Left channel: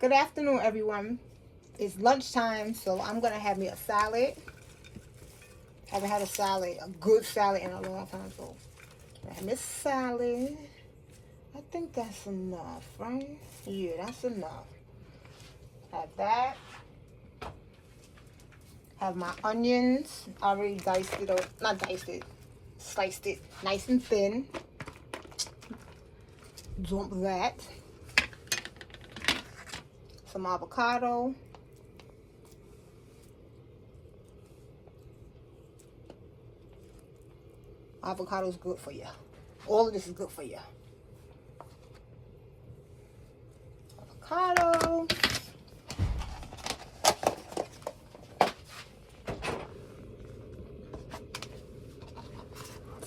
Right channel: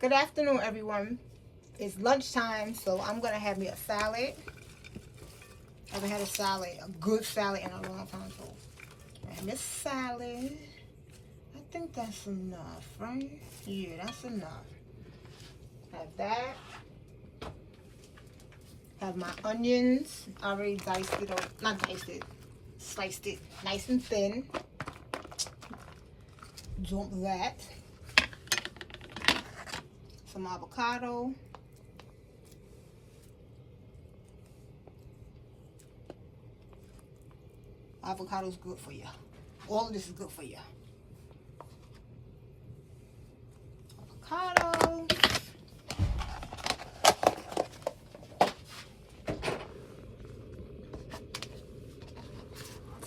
Good afternoon, everyone. It's lunchtime, so I'm gonna have me a salad. I haven't had a good salad in a long time, so I have this salad. I think that's enough, right? Yeah, that's enough. Have that. Have my onions. I already diced it, or not diced it, sliced it nice and thin. Dump that. Some avocado. Avocado is good for you. All of this is good for you. Avocado.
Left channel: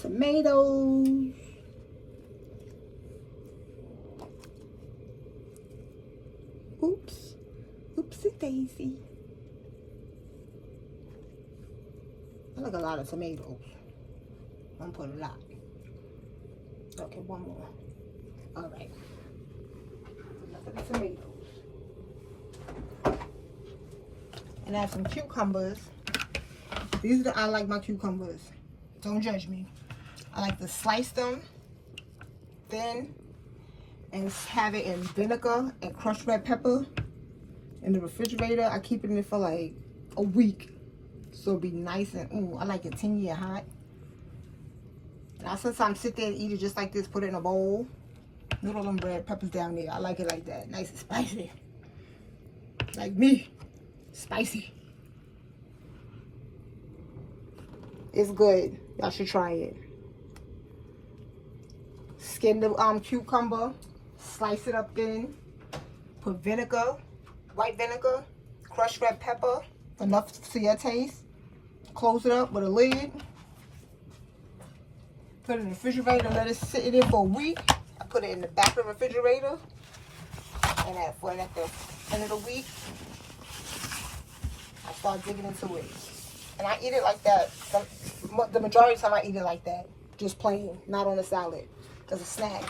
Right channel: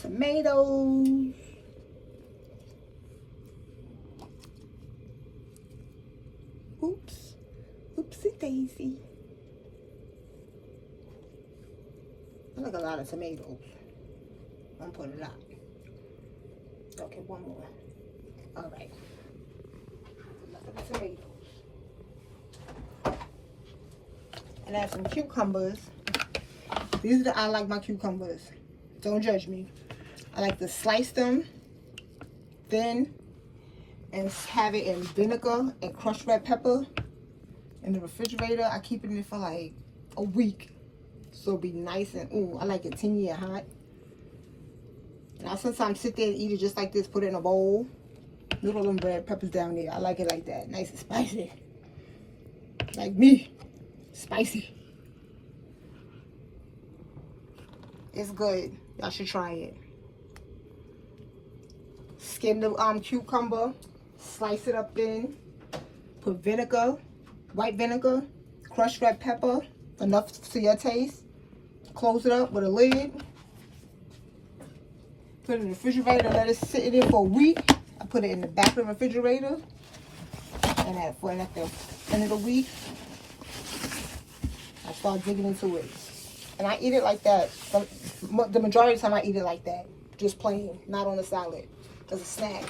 Tomatoes. Oops. Oopsie daisy. I like a lot of tomatoes. I'm putting a lot. Okay, one more. All right. Tomatoes. And I have some cucumbers. I like my cucumbers. Don't judge me. I like to slice them thin and have it in vinegar and crushed red pepper in the refrigerator. I keep it in it for like a week, so it'll be nice and I like it tingy and hot. And I sometimes sit there and eat it just like this. Put it in a bowl. Little them red peppers down there. I like it like that, nice and spicy. Like me, spicy. It's good. Y'all should try it. Skin the cucumber, slice it up thin, put vinegar, white vinegar, crushed red pepper, enough to your taste. Close it up with a lid. Put it in the refrigerator, let it sit in it for a week. I put it in the back of the refrigerator. And at the end of the week, I start digging into it. And I eat it like that. The majority of the time I eat it like that. Just plain, not on a salad. As a snack.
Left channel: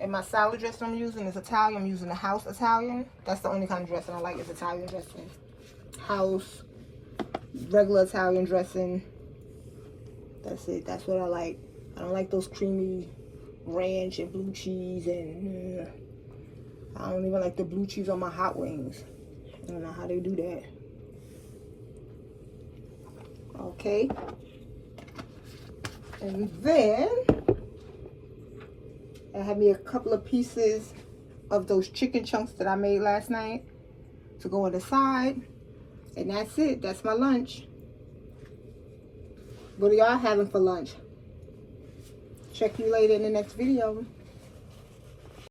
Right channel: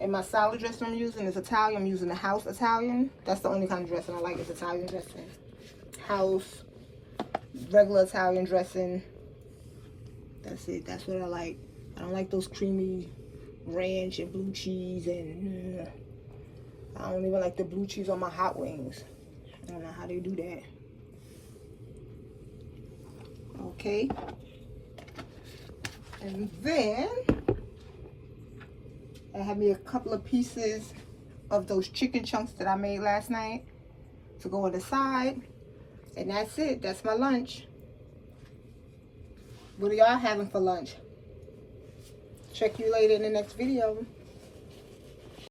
And my salad dressing I'm using is Italian. I'm using the house Italian. That's the only kind of dressing I like is Italian dressing. House, regular Italian dressing. That's it. That's what I like. I don't like those creamy ranch and blue cheese and I don't even like the blue cheese on my hot wings. I don't know how they do that. Okay. And then I have me a couple of pieces of those chicken chunks that I made last night to go on the side. And that's it. That's my lunch. What are y'all having for lunch? Check you later in the next video.